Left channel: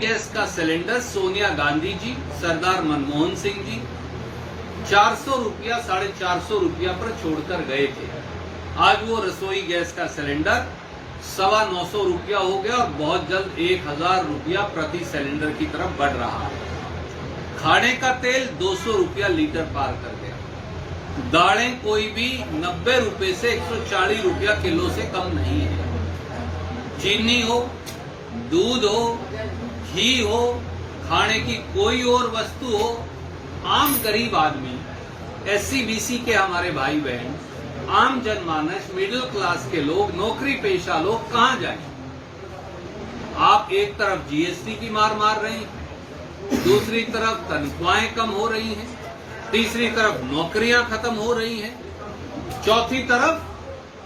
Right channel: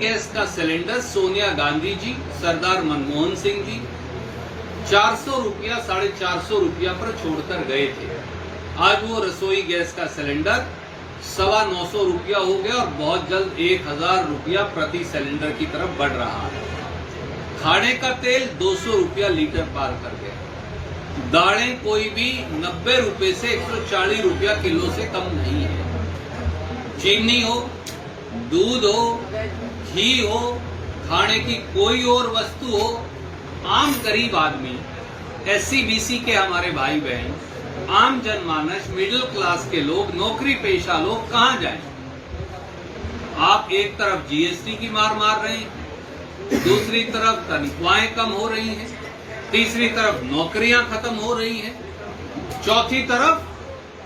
Gas का cylinder Sonia Gandhi ji, सरदार मनमोहन सिंह जी 400 रुपया 450 रुपया पर छोड़कर गए थे। आज वो रसोई गैस का सिलेंडर 925 रुपया हो गया और बहुत जल्द 1000 रुपया प्रति सिलेंडर की तरफ बढ़ रहा है। खाने का तेल 200 रुपया लीटर पार कर गया। दालें कोई भी 90 रुपए से 140 रुपया किलो से कम नहीं है। चीनी हो, दूध हो, घी हो, खाने की कोई और वस्तु हो, आम गरीब आदमी, एससी बीसी के हमारे भाई बहन, आम जनमानस, मिडिल क्लास के लोग, नौकरी पेशा लोग कहां जाएं? आप एक तरफ जीएसटी की मार मार रहे हैं, दूसरी तरफ तनख्वाहें कम हो रही हैं, तीसरी तरफ नौकरियां खत्म हो रही हैं, चौथी तरफ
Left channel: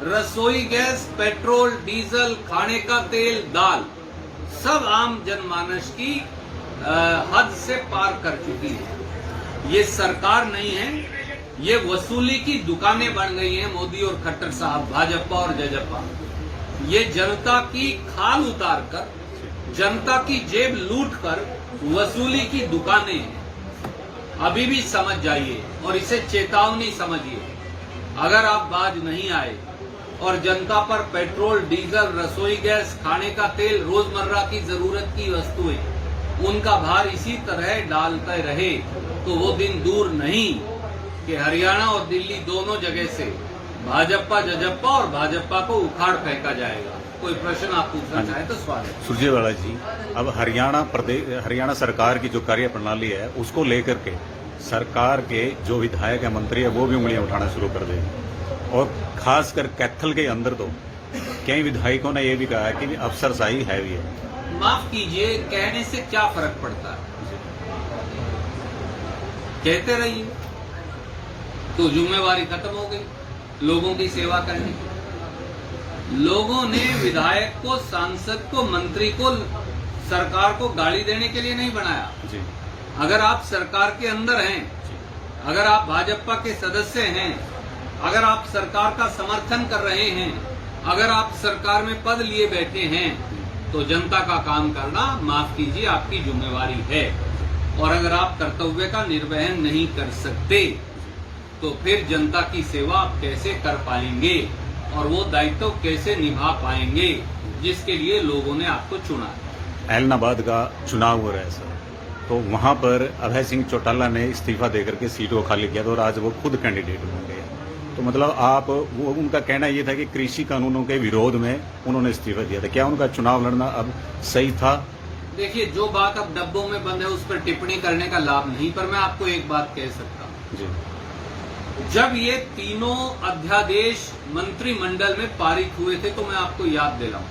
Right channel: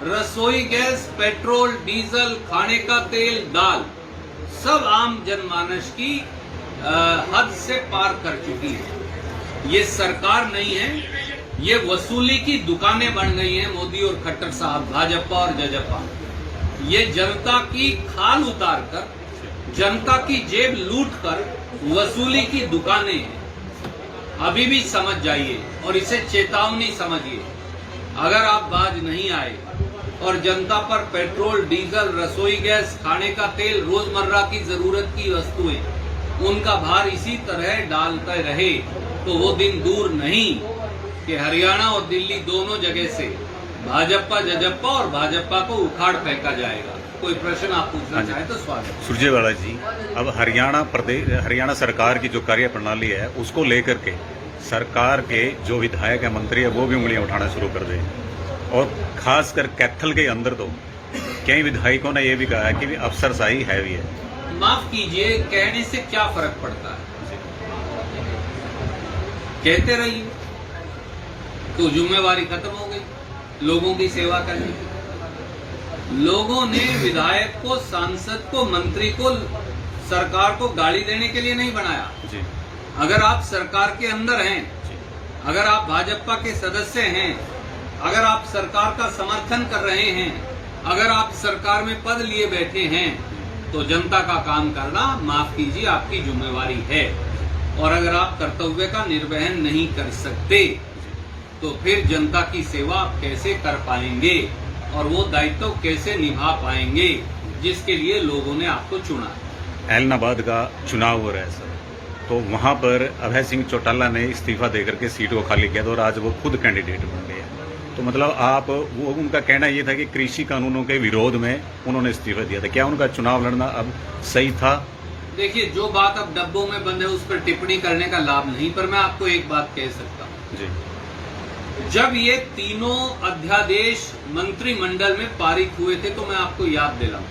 रसोई गैस, पेट्रोल, डीजल, खाने का तेल, दाल सब आम जनमानस की हद से पार कर चुकी है। ये सरकार नहीं है, ये वसूली की दुकानें बन गई हैं। मोदी और खट्टर साहब, भाजपा और जजपा, ये जनता की खाल उतारकर, जनता की जेब लूटकर वसूली की दुकानें हैं। अभी भी समझ जाइए और इसे चेतावनी समझिए। अगर आप बाज नहीं आए और जनता पर पेट्रोल, डीजल, रसोई गैस, खाने का तेल, रोजमर्रा की जरूरत की वस्तुएं, उनका भार इसी तरह डालते रहे तो वो दिन दूर नहीं कि हरियाणा और दिल्ली दोनों जगह से भाजपा, जजपा और भाजपा को उखाड़ फेंका जाएगा। कोई प्रश्न आप पूछना चाहे तो स्वागत। सुरजेवाला जी, अब हरियाणा सरकार की जो कार्य प्रणाली है उसको लेकर के सरकार के जो विधायक है, मंत्री है, वो भी उंगलियां उठाना शुरू कर दें। और खासकर कैथल के अंदर तो कई विधायकों ने यह भी कहा है कि अफसरशाही हैवी है। माफ कीजिए, कहने से क्या फर्क पड़ता है? कहते रहिए तो जिम्मेवारी खत्म हो गई लोगों की सेवा करने की। लोगों ने विधायक को, सांसद को, मंत्री को, सरकार को गाली देने के लिए नहीं बनाया। अगर आप सरकार के अंदर हैं, अगर आप भाजपा के सदस्य हैं, अगर आप सरकार का समर्थन कर रहे हैं, अगर आप सरकार में पद लिए बैठे हैं, तो जनता का काम करना, माफ कीजिए, आपकी जिम्मेवारी है। और अगर आप कर्तव्य का निर्वहन नहीं कर सकते तो फिर जनता की सेवा आप कैसे कर पाएंगे और वो दायित्व कैसे निभा पाएंगे जिसके लिए लोगों ने आपको चुना है। ऐलनाबाद का चुनाव हो रहा है सर, तो वहां पर अभय सिंह चौटाला ने इस्तीफा देकर के सीट को खाली किया और आज वो खुद कैंडिडेट बन गए। तो मतलब आप वो, उनका कहना ये था कि कृषि कानूनों के विरोध में उन्होंने इस्तीफा दिया था। क्या उनका चुनाव लड़ना अब सही था? देखिए, जो बात अब डब्बों में बंद है उस पर टिप्पणी करने का लाभ नहीं, पर मैं आपको एक बात कह सकता हूं जी। जब ये तीनों अध्यादेश मंत्रिमंडल में पारित हुए थे तो मैं आपको याद दिलाऊं,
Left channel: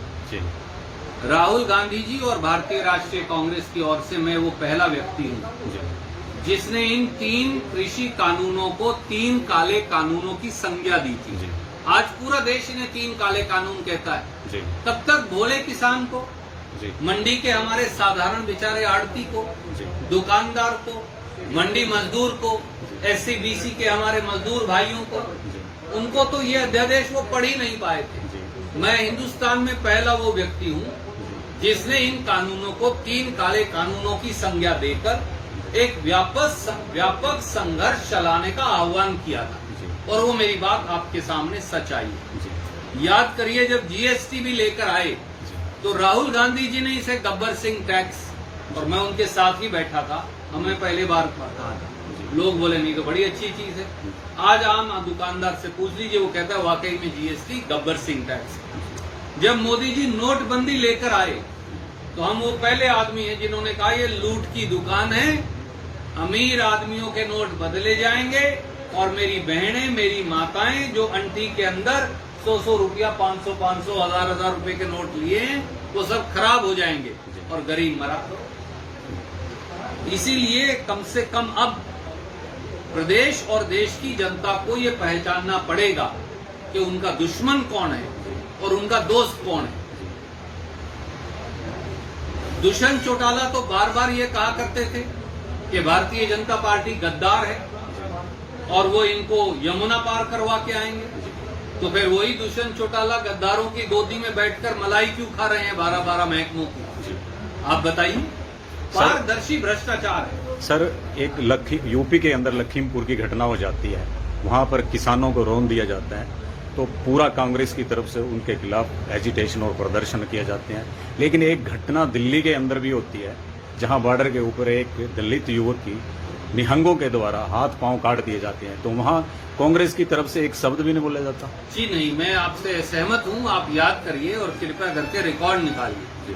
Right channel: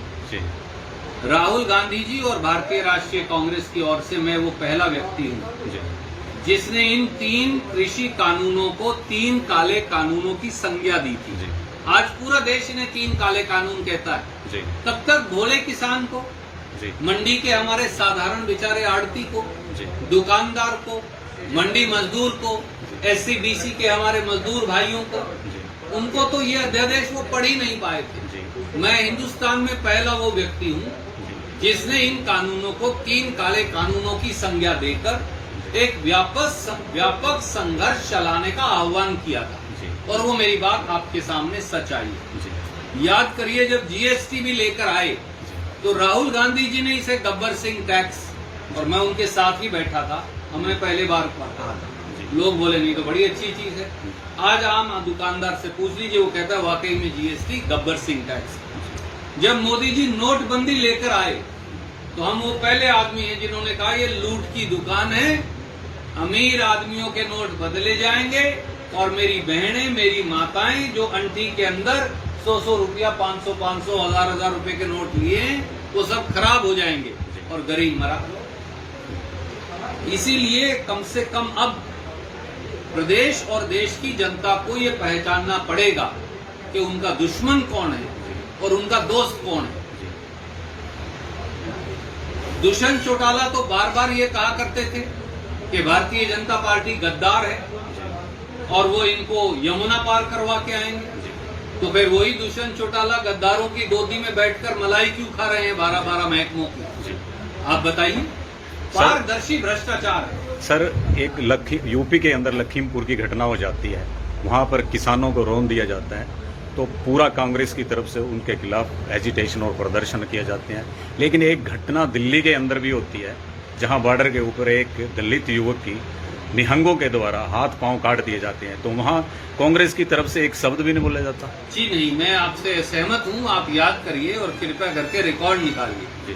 राहुल गांधी जी और भारतीय राष्ट्रीय कांग्रेस की ओर से मैं वो पहला व्यक्ति हूं जिसने इन 3 कृषि कानूनों को 3 काले कानूनों की संज्ञा दी थी। आज पूरा देश इन्हें 3 काले कानून कहता है। तब तक भोले किसान को, मंडी के हमारे साधारण बेचारे आड़ती को, दुकानदार को, मंडी मजदूर को, एससी बीसी के हमारे मजदूर भाइयों को, उनको तो ये अध्यादेश वो पढ़ ही नहीं पाए थे। मैं हिंदुस्तान में पहला वो व्यक्ति हूं जिसने इन कानूनों को 3 काले कानूनों की संज्ञा देकर एक व्यापक संघर्ष चलाने का आह्वान किया था। और वो मेरी बात आपके सामने सच आई है। याद करिए, जब जीएसटी भी लेकर आए तो राहुल गांधी जी ने इसे गब्बर सिंह टैक्स, और मैं उनके साथ ही बैठा था, हमने पहली बार पढ़ा था। लोग बोले नहीं तो बड़ी अच्छी चीज है। आज आम दुकानदार से पूछ लीजिए, वो कहता है वाकई में जीएसटी गब्बर सिंह टैक्स। जब मोदी जी नोटबंदी लेकर आए तो हम वो पहले आदमी हैं जिन्होंने कहा ये लूट की दुकान है, अमीर आदमियों के नोट बदले जाएंगे और मेरी बहनें, मेरी माताएं जो अंटी के अंदर 100 रुपया, 500, 1000 रुपए के नोट लिए हैं, वो सब खराब हो जाएंगे और गरीब मरा। इसीलिए कम से कम अब प्रदेश और देश की जनता को ये पहचानना पड़ेगा कि उनका दुश्मन कौन है और उनका दोस्त कौन है। दुष्यंत चौटाला तो बार बार ये कहा करते थे कि भारतीय जनता पार्टी गद्दार है और वो इनको यमुना पार करवा के आएंगे। तो फिर वही दुष्यंत चौटाला गद्दारों की गोदी में बैठकर मलाई क्यों खा रहे हैं 12-12 महकमों की? आप बताइए। पारदर्शी भ्रष्टाचार है। सर, एक यूपी के अंदर लखीमपुर की घटना हो जाती है, वहां पर किसानों को रौंद दिया जाता है, तो पूरा कांग्रेस की तरफ से उनके खिलाफ एजिटेशन और प्रदर्शन किए जाते हैं। लेकिन एक घटना दिल्ली के अंदर भी होती है, जहां बॉर्डर के ऊपर एक दलित युवक की निहंगों के द्वारा हाथ पांव काट दिए जाते हैं, तो वहां कांग्रेस की तरफ से एक शब्द भी नहीं बोला जाता। जी नहीं, मैं आपसे सहमत हूं। आप याद करिए और कृपया करके रिकॉर्ड निकालिए।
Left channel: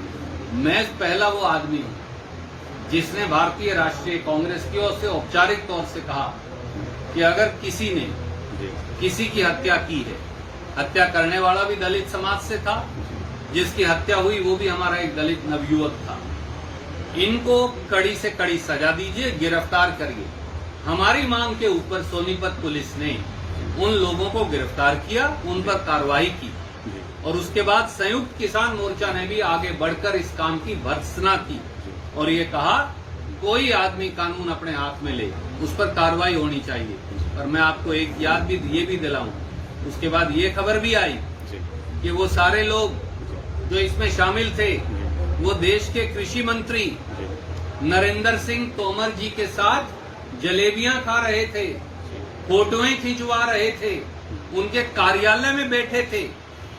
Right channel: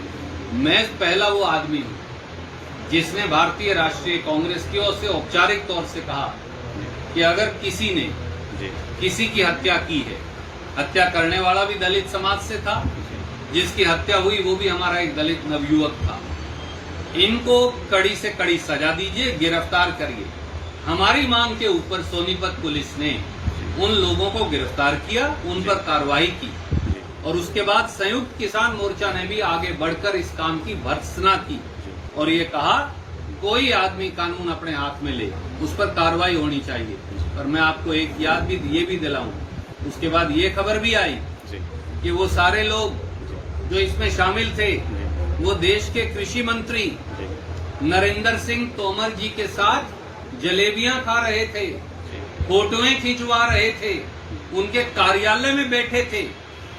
मैं पहला वो आदमी हूं जिसने भारतीय राष्ट्रीय कांग्रेस की ओर से औपचारिक तौर से कहा कि अगर किसी ने किसी की हत्या की है, हत्या करने वाला भी दलित समाज से था, जिसकी हत्या हुई वो भी हमारा एक दलित नवयुवक था, इनको कड़ी से कड़ी सजा दीजिए, गिरफ्तार करिए। हमारी मांग के ऊपर सोनीपत पुलिस ने उन लोगों को गिरफ्तार किया, उन पर कार्रवाई की और उसके बाद संयुक्त किसान मोर्चा ने भी आगे बढ़कर इस काम की भर्त्सना की और ये कहा कोई आदमी कानून अपने हाथ में ले, उस पर कार्रवाई होनी चाहिए। और मैं आपको एक याद भी ये भी दिलाऊं, उसके बाद ये खबर भी आई कि वो सारे लोग जो इसमें शामिल थे वो देश के कृषि मंत्री नरेंद्र सिंह तोमर जी के साथ जलेबियां खा रहे थे, फोटोएं खिंचवा रहे थे, उनके कार्यालय में बैठे थे।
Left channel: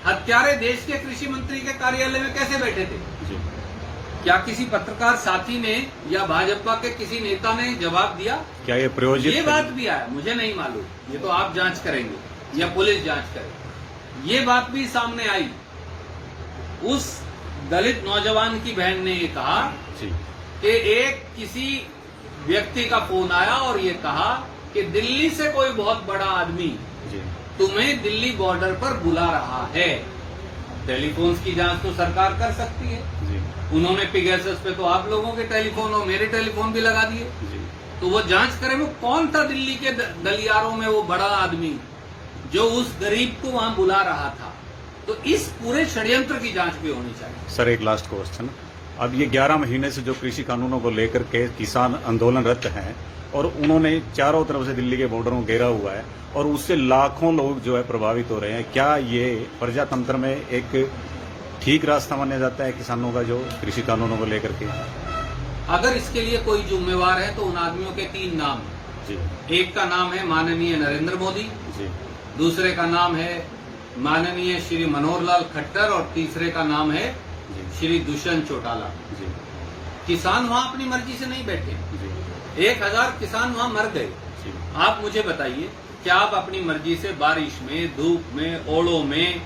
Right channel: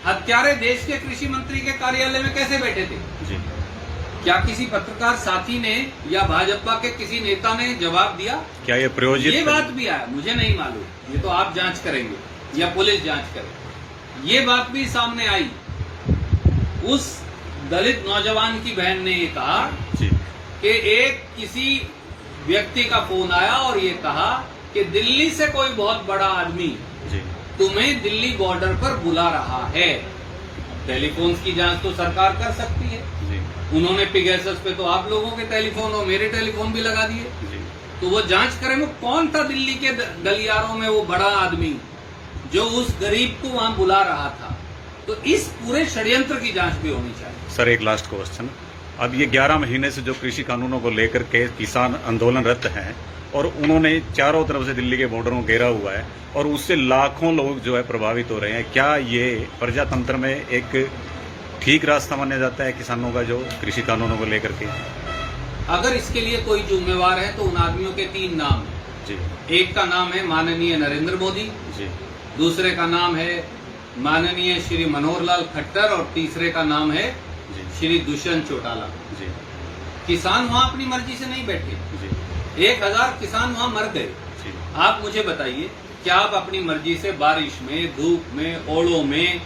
हत्यारे देश के कृषि मंत्री के कार्यालय में कैसे बैठे थे? क्या किसी पत्रकार साथी ने या भाजपा के किसी नेता ने जवाब दिया? क्या ये प्रायोजित? ये बात भी आया, मुझे नहीं मालूम, ये तो आप जांच करेंगे या पुलिस जांच करेगी। ये बात भी सामने आई, उस दलित नौजवान की बहन ने ये कहा कि एक किसी व्यक्ति का फोन आया और ये कहा कि दिल्ली से कोई बहुत बड़ा आदमी तुम्हें दिल्ली बॉर्डर पर बुला रहा है। टेलीफोन की जांच तो सरकार कर सकती है। उन्होंने पिगेसस पे तो आप लोगों के टेलीफोन और मेरे टेलीफोन भी लगा दिए, तो वो जांच करें वो कौन था दिल्ली के गलियारों में वो बड़ा आदमी जो उस गरीब को वहां बुला रहा था। तो इस पूरे षड्यंत्र की जांच भी होनी चाहिए। सर, एक लास्ट क्वेश्चन। अब ये 11 महीने से जो कृषि कानूनों को लेकर के किसान आंदोलनरत हैं और उन्होंने चारों तरफ से दिल्ली के बॉर्डरों को घेरा हुआ है और उससे लाखों लोग जो है प्रभावित हो रहे हैं, क्या ये प्रजातंत्र में एक ठीक रास्ता माना जाता है किसानों का जो कृषि कानूनों को लेकर के? अगर इसके लिए कोई जिम्मेवार है तो उन आदमियों के 3 नाम जी। एक का नाम है माननीय नरेंद्र मोदी जी, दूसरे का नाम है माननीय श्री मनोहर लाल खट्टर और तीसरे का नाम है श्री दुष्यंत चौटाला जी। किसान वहां अपनी मर्जी से नहीं बैठे जी। 1000 किसान वहां मर गए। आप मुझे बताइए, क्या आप अपनी मर्जी से बारिश में, धूप में, ओलों में,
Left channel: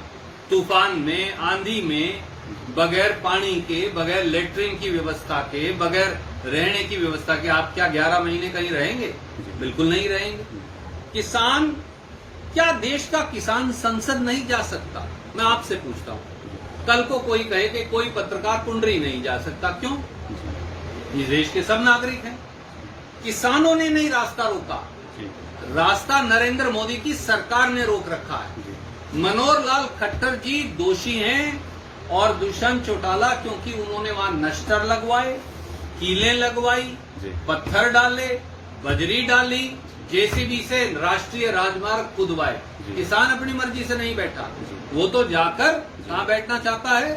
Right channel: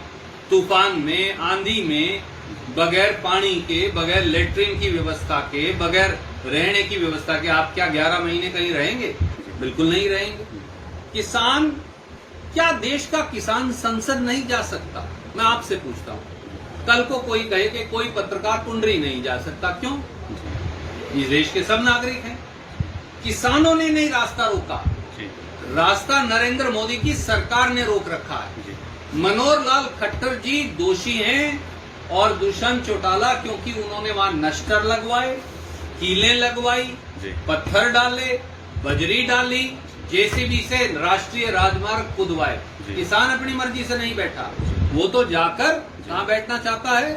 तूफान में, आंधी में, बगैर पानी के, बगैर लेटरिन की व्यवस्था के, बगैर रहने की व्यवस्था के आप क्या 11 महीने कहीं रहेंगे? बिल्कुल नहीं रहेंगे। किसान, क्या देश का किसान संसद नहीं जा सकता? मैं आपसे पूछता हूं, कल को कोई कहे कि कोई पत्रकार पुंडरी नहीं जा सकता, क्यों? इस देश के सब नागरिक हैं। किसानों ने नहीं रास्ता रोका, रास्ता नरेंद्र मोदी की सरकार ने रोक रखा है। मनोहर लाल खट्टर जी दोषी हैं और दुष्यंत चौटाला क्योंकि उन्होंने वहां नश्तर लगवाए, कीलें लगवाई, पत्थर डाले, बजरी डाली, जेसीबी से राष्ट्रीय राजमार्ग खुदवाए। किसान अपनी मर्जी से नहीं बैठा, वो तो जाकर कहाँ बैठना चाहता है?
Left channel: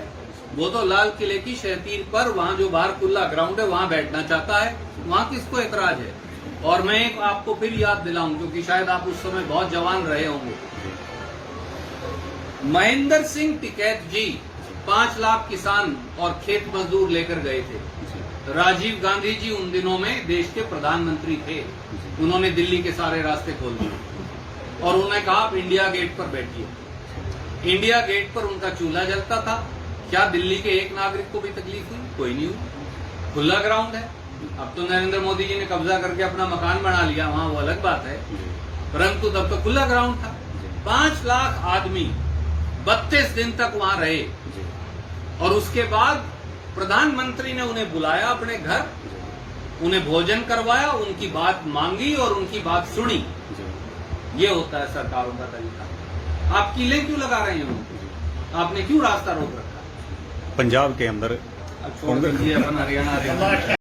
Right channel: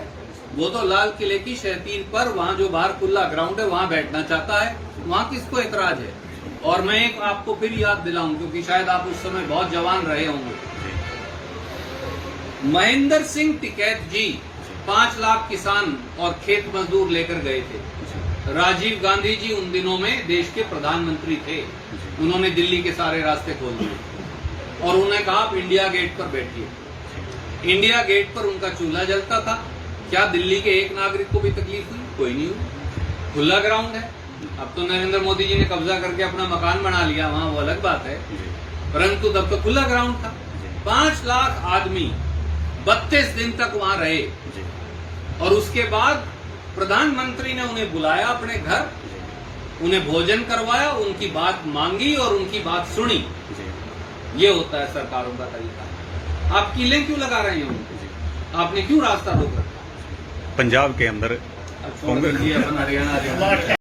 वो तो लाल किले की शहतीर पर, वहां जो बाहर खुला ग्राउंड है वहां बैठना चाहता है। वहां किसको एतराज है? और मैं एक आपको फिर याद दिलाऊं, क्योंकि शायद आप उस समय बहुत जवान रहे होंगे। महेंद्र सिंह टिकैत जी 5 लाख किसान और खेत मजदूर लेकर गए थे। राजीव गांधी जी उन दिनों में देश के प्रधानमंत्री थे। उन्होंने दिल्ली के सारे रास्ते खोल दिए और उन्होंने कहा आप इंडिया गेट पर बैठिए। इंडिया गेट पर उनका चूल्हा जलता था। क्या दिल्ली के एक नागरिक को भी तकलीफ हुई? कोई नहीं हुई। खुला ग्राउंड है। अब तो नरेंद्र मोदी जी ने कब्जा करके अपना मकान बना लिया, वहां वो अलग बात है, परंतु तब तो खुला ग्राउंड था। 5 लाख आदमी 32 दिन तक वहां रहे और उसके बाद प्रधानमंत्री ने उन्हें बुलाया अपने घर, उन्हें भोजन करवाया, उनकी बात मांगी और उनकी बात सुनी। ये होता है सरकारों का तरीका। आप कीलें क्यों लगा रहे हैं? आपने क्यों रास्ता रोक रखा? पंजाब के अंदर कांग्रेस, हरियाणा